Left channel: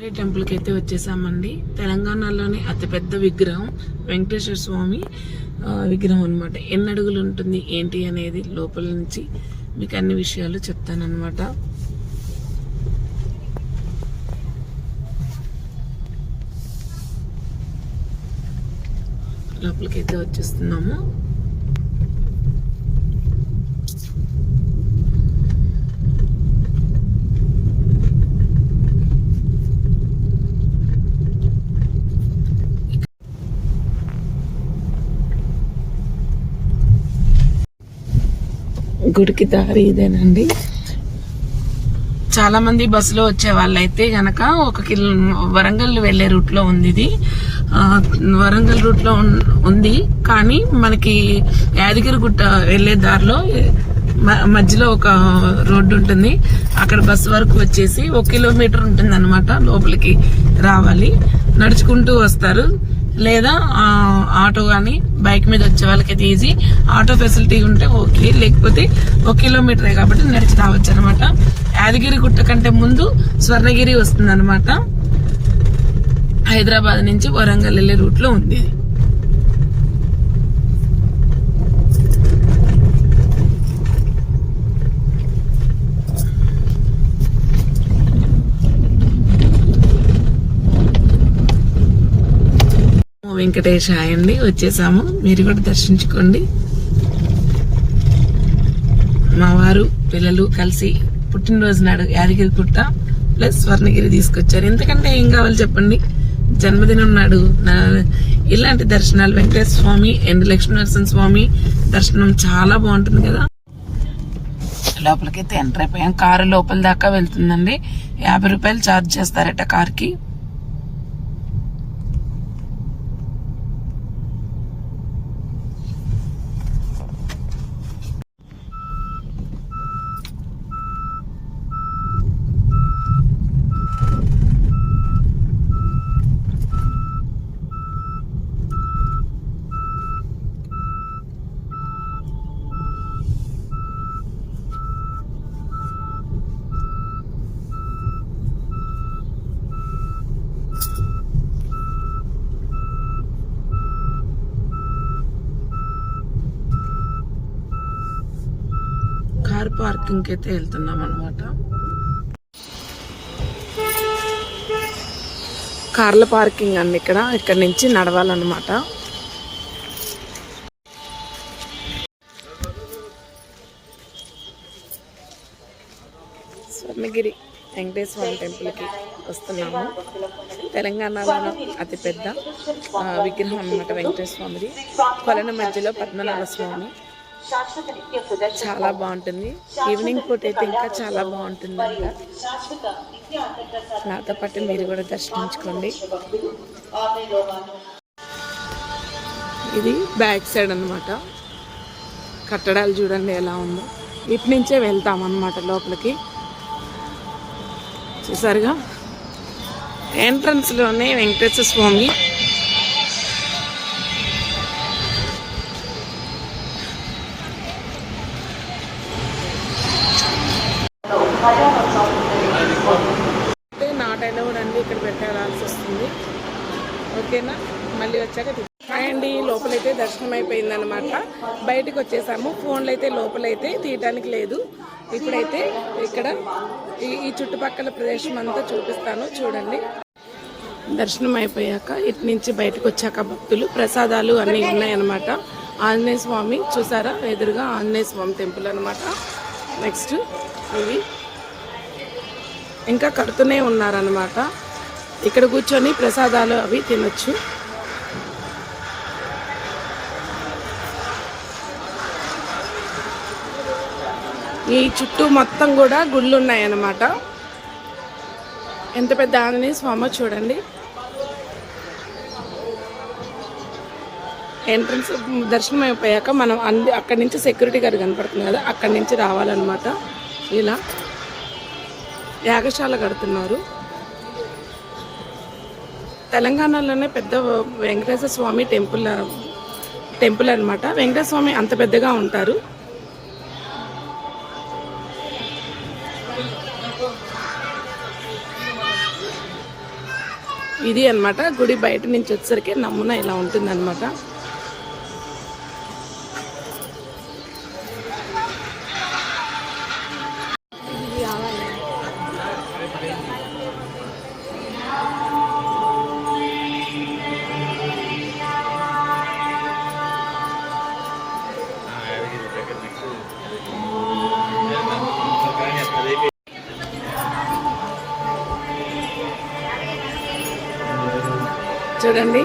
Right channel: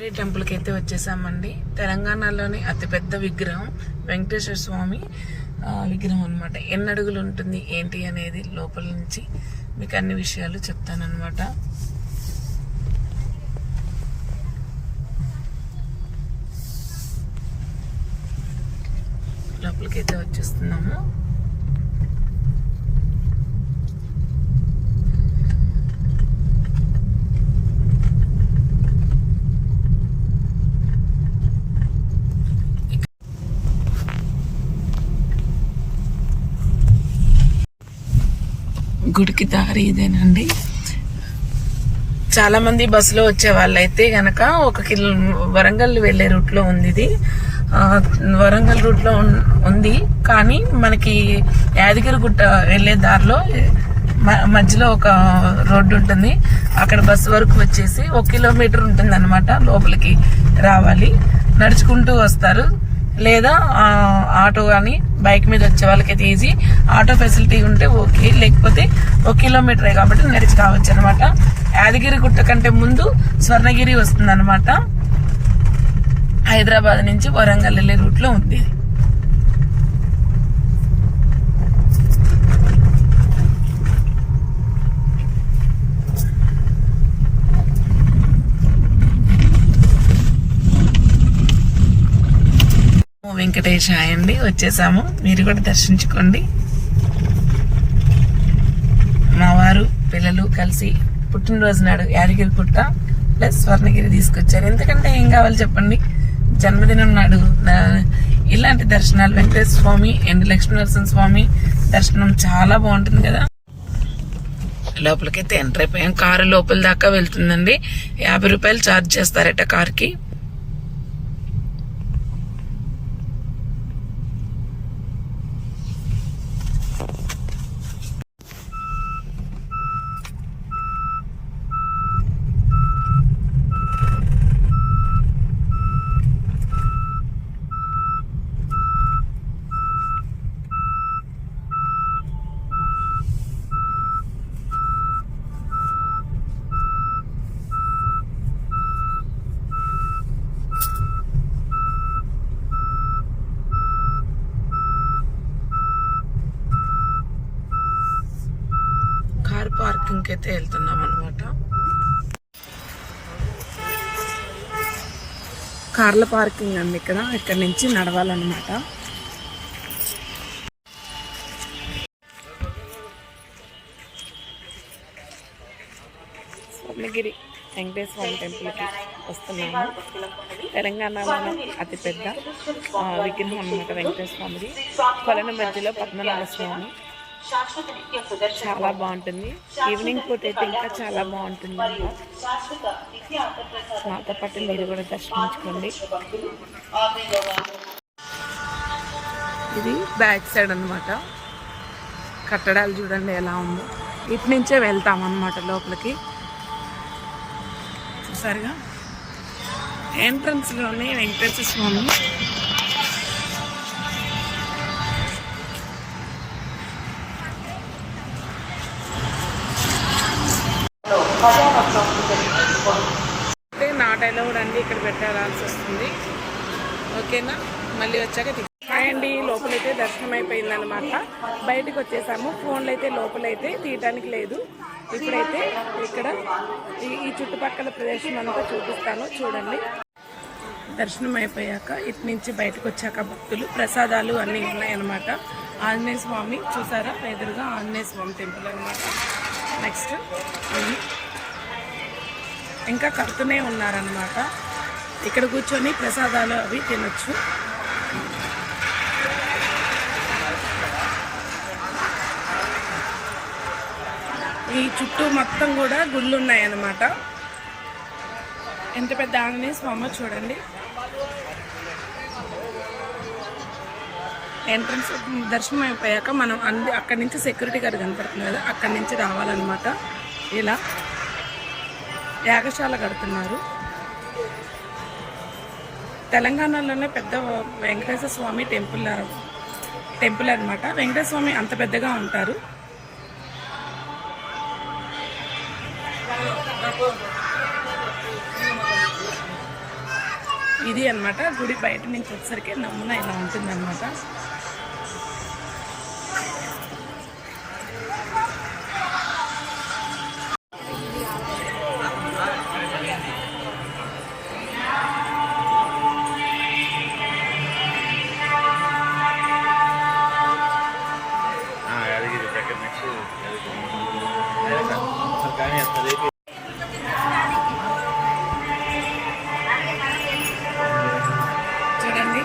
రే టెంపుల్కి అయితే వచ్చేసామండి. తెలంగాణలోని అతిపెద్ద విగ్రహం వెంకటేశ్వర స్వామి విగ్రహం అనమాట ఎన్ని అడుగులు ఉంటుంది ఏంటి అనేది లోపల నుంచి మీకు అన్ని విషయాలు చెప్తానమాట లోపలికైతే వచ్చేస్తున్నాము. గుడికి దారి ఇదేనండి. చాలామంది బస్సులో వచ్చే వాళ్ళైతే గనక ఒక కిలో వరంగల్ వెళ్ళే రూట్లో ఉంది ఇది. వరంగల్ రూట్లో ఉంది. కానీ మనకి యాదగిరి గుట్ట వెళ్ళే దారిలో మ- మధ్యలో ఒక రోడ్డు ఉంటుంది. అక్కడ బస్సు వరకు వచ్చేసి ఒక కిలోమీటర్ ఉంటుంది అనమాట లోపలికి రావాలి. నడుచుకుంటూ వస్తారు. లేదా ఆటో కానీ బైక్ మీద వచ్చే వాళ్ళకైతే ఈజీ. ఆటో ఫెసిలిటీ ఉంటే ఓకే. లేకపోతే ఒక కిలోమీటరే కాబట్టి నడిచి రావచ్చు అనమాట యాదగిరి గుట్ట కంటే ముందు స్వర్ణగిరి వస్తుంది అనమాట హైదరాబాద్ నుంచి వరంగల్ వెళ్ళే రూట్లో ఉంది ఇది. వెంకటేష్ అండి వచ్చేసాము. మీరు కూడా దర్శించుకోండి. మా వారు పిల్లలు కలిసి పుట్టినరోజు నాడు యాదగిరి కుట్ట ప్లస్ స్వర్ణగిరి తీసుకొచ్చారు. ఎందుకంటే ఏం కావాలి చెప్పండి? జన్మదినం నాడు నా- ఇలాంటి దర్శనాలు వెంకటేశ్వర స్వామి అండ్ లక్ష్మీనరసింహ స్వామి దర్శనం చాలా బాగుంటుంది కదా. లోపలికైతే ఎంటర్ అయిపోయాం. కారు లోపల దాకా వెళ్తుందండి. యాభై రూపాయలు ఛార్జ్ చేస్తారట కార్కి. కార్ పార్కింగ్ అయితే వెళ్తున్నాం అనమాట కార్ల పార్కింగ్ అండి ఇక్కడ ఇక్కడ నుంచి నడవాలన్నమాట. స్వర్ణగిరి వెంకటేశ్వర టెంపుల్కి వస్తున్నాము. తెలంగాణలో అతిపెద్ద పెద్ద విగ్రహం అన్నమాట వెంకటేశ్వర స్వామిది. కొలను మధ్యలో పద్మనాభ స్వామి. చాలా బాగుంటుంది. ఈవినింగ్ పూట అయితే ఇంకా చాలా బాగుంటుంది నాతో పాటు మీరు కూడా దర్శించుకోండి. ఇది బ్యాక్ సైడ్ అన్నమాట. కట్టడాలు చూడండి ఎలా ఉందో. ఇటు నుంచే వెళ్తాం అన్నమాట లోపలికి. చూసారుగా? ఎంట్రన్స్లోనే వెంకటేశ్వర స్వామి వచ్చాక తీ- అండి లోపలైతే దర్శనం అయిపోయింది అనమాట బయటకు వచ్చేసాము. ఫోన్లు అయితే లోపలైతే తీయటానికి లేదు. ఇప్పుడైతే ఇక్కడ ఈ ఈ చుట్టుపక్కల ప్రదేశం అంతా చూపిస్తాను. చూడండి. దర్శనం అయిపోయాక ఇటు నుంచి బయటకు వచ్చాక భక్తులు ప్రసాదాలు అన్నీ ఉన్నాయన్నమాట. ఆంజనేయ స్వామి చూసారా? ఎదురుగా ఆంజనేయ స్వామి టెంపుల్ అనమాట నెక్స్ట్ ఇది. ఇంకా కడుతూనే ఉన్నారనమాట ఇక్కడ కూర్చొని ప్రసాదాలు అవి తినొచ్చు. ఈ చుట్టూ మొత్తం కూడా గుళ్ళు ఉన్నాయన్నమాట ఎంత పెద్ద ఆంజనేయ స్వామి చూడండి. ఎంట్రన్స్ దర్శనం అయిపోయాక మనం అంది అక్కడి నుంచి సెక్యూరిటీ గారు కనపడుతుంది కదా అక్కడి నుంచి రావాలన్నమాట. ఇలా యాగశాల కడుతున్నారు. తెలంగాణలోనే పెద్ద వెంకటేశ్వర స్వామి టెంపుల్ టెంపుల్ అనమాట వెంకటేశ్వర స్వామి అంత పెద్దగా ఉంటారు. ఇది అనమాట గుడి బయట నుంచి వచ్చేసరికి నమూనా ఇలా ఉంటుందన్నమాట. చూడండి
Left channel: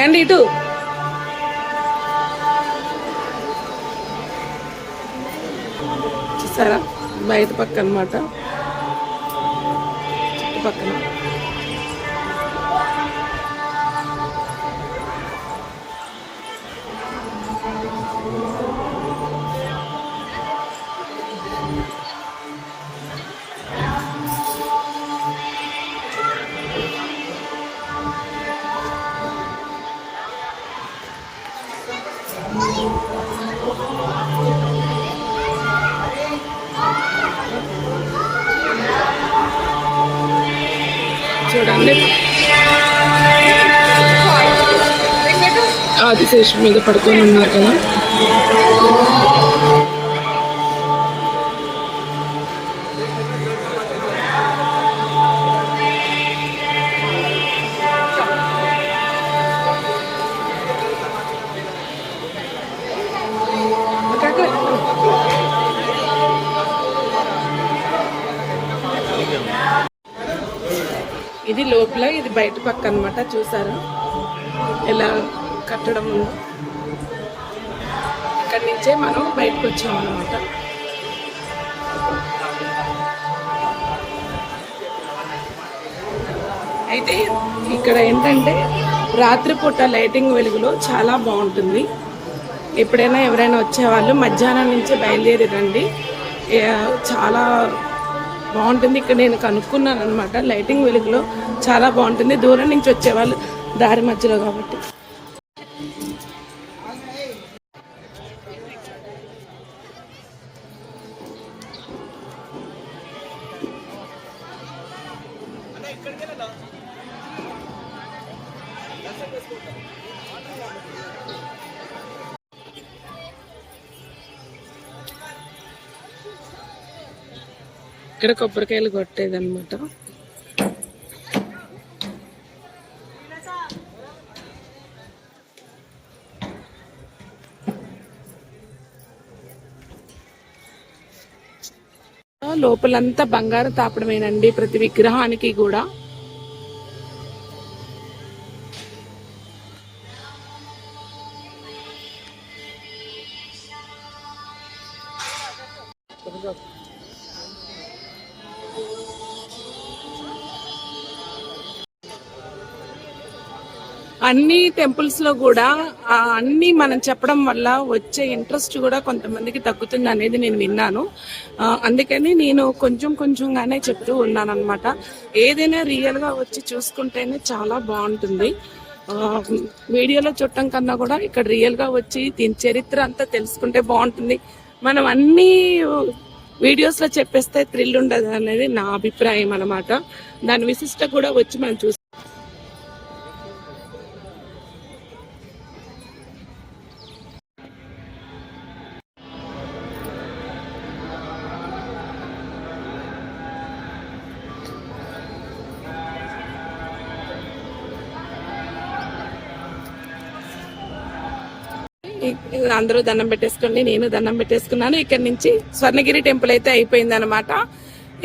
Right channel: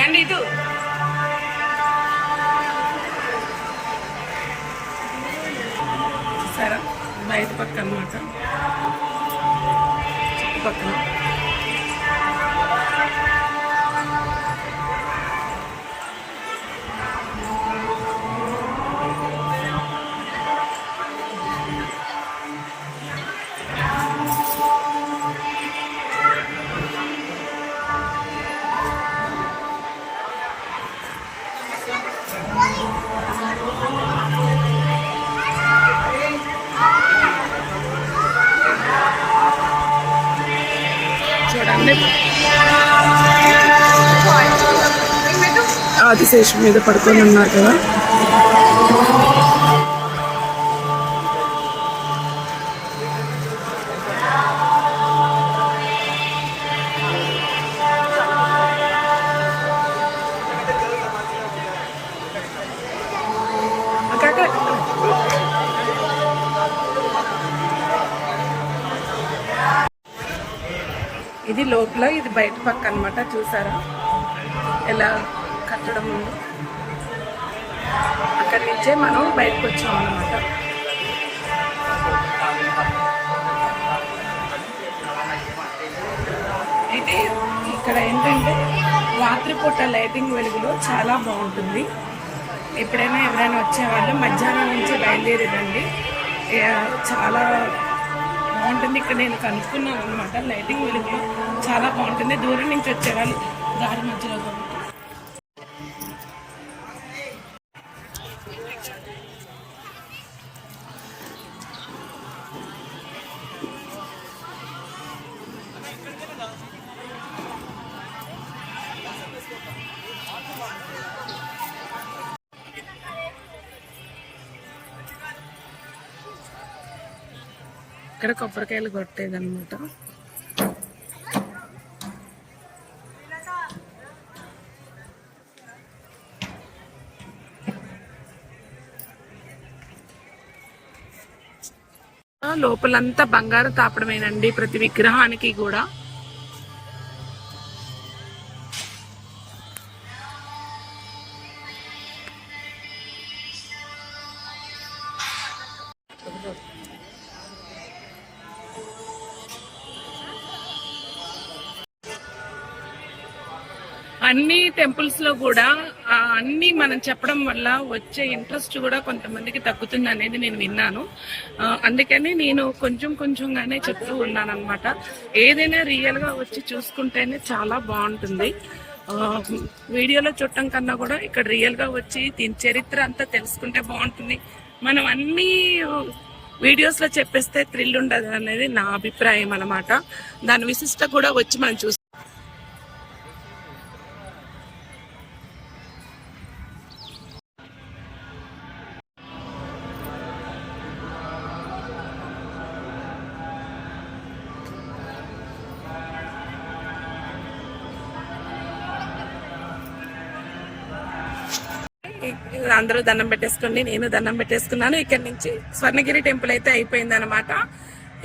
ఏండి ఇటు? చూసారా? బయట పక్క అనమాట చుట్టుపక్కన. చూడండి. ఆదిశేషు మీద పడుకొని ఉన్నారు కదా. ఇది లోపల ఇది బయట పక్క అన్నమాట చూసారా? ఎలా కట్టడం ఉందో. అక్కడి నుంచే మనం బయటకు వచ్చాము అనమాట అయితే ఇక్కడ ఏంటంటే రాత్రిపూట లైటింగ్ వెలుగులో చాలా బాగుంటుంది. ఎప్పుడైనా ఎవరైనా వచ్చేవాళ్ళు మధ్యాహ్నం నుంచి బయలుదేరి రండి చాలా బాగుంటుంది. ఇక్కడ నేను కనుక్కున్నాను అనమాట లైటింగ్ వెలుగులో చాలా బాగుంటుంది. దూరం నుంచి వచ్చేవాళ్ళు దారి మధ్యలో కాబట్టి. ఇక్కడ కొబ్బరికాయలు కొట్టేది అనమాట లోపలంతా బంగారు తాపడమేనండి ప్రతి విగ్రహానికి కూడా. అన్ని టెంపుల్స్లో కూడా ఆ అన్ని మనం చెప్పడం వల్ల వచ్చే ఇంట్రెస్ట్ కూడా కొంతమందికి తగ్గుతుంది అనేది నేను విన్నాను. అందుకని నేను కొంచెం కొంచెంగానే చెప్తూ ఉన్నాను అనమాట ఏదైనా రియల్గా వచ్చి చూసుకుంటేనే చాలా బాగుంటుంది. వీడియోలో చూడటం కన్నా కూడా ఇక్కడ రియల్గా వచ్చి దీని చరిత్ర అంతా తెలుసుకుంటే బాగుంటుంది. మనం అన్ని వీడియోస్లో చెప్పేస్తే థ్రిల్ ఉండదు అనేది నా అభిప్రాయం అనమాట దాని విశిష్ట కూడా వచ్చి మనం చూసి అందరూ దండం పెట్టేసుకోండి నేను దండం పెట్టేసుకున్నాను. ఇక్కడ నుంచి స్వర్ణగిరి టెంపుల్ అయితే అయిపోయింది అనమాట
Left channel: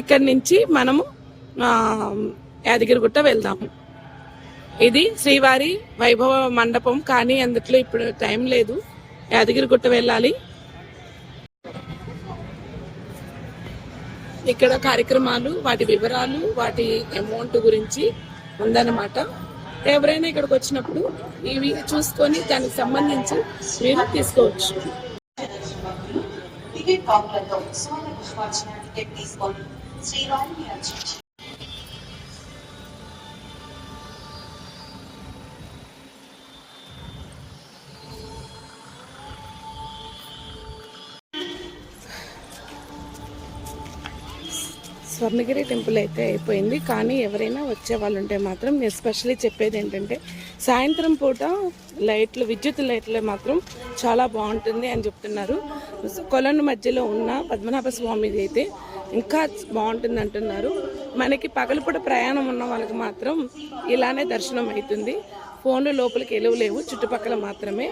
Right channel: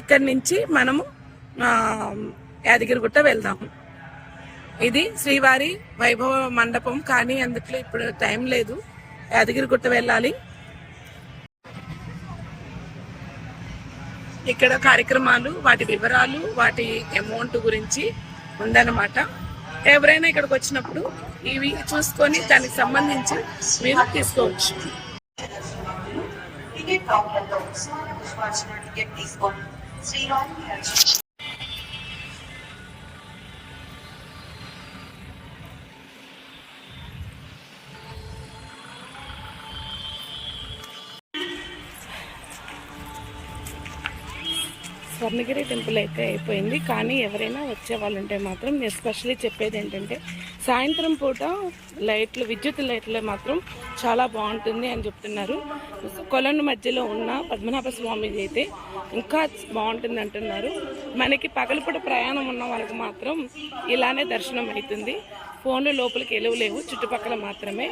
ఇక్కడ నుంచి మనము యాదగిరిగుట్ట వెళ్దాము ఇది శ్రీవారి వైభవ మండపం కానీ అందుట్లో ఇప్పుడు టైం లేదు. యాదగిరిగుట్ట వెళ్ళాలి. ఇక్కడ కార్యక్రమాలు వాటి వివరాలు వాటి అమౌంట్ గురించి ఉందన్నమాట. ఎవరైనా ఇక్కడికి వచ్చినప్పుడు ఇవి చూసుకొని దానికి సంబంధించి మీరు తీసుకోవచ్చు. శ్రీరామ్ స్వర్ణగిరి టెంపుల్ అయితే అయిపోయింది. కానీ ఎవరైనా వచ్చే వాళ్ళు ఉంటే మాత్రం ఎస్పెషల్లీ చెప్పేది ఏంటంటే సాయంత్రం పూట లైట్లు విద్యుత్ లైట్లు మాత్రం చాలా బాగుంటుంది అని చెప్తున్నారు. కొలను మధ్యలో ఉన్న పద్మనాభ స్వామిది అయితే ఇంకా బాగుంటుంది అంటున్నారు. మనకి పగలపూట ప్రయాణం ఉన్న వాళ్ళకి మాత్రం ఇలానే దర్శనం అవుతుంది. ఫోన్లు లోపలికి ఎలువలేవు చుట్టుపక్కల మాత్రమే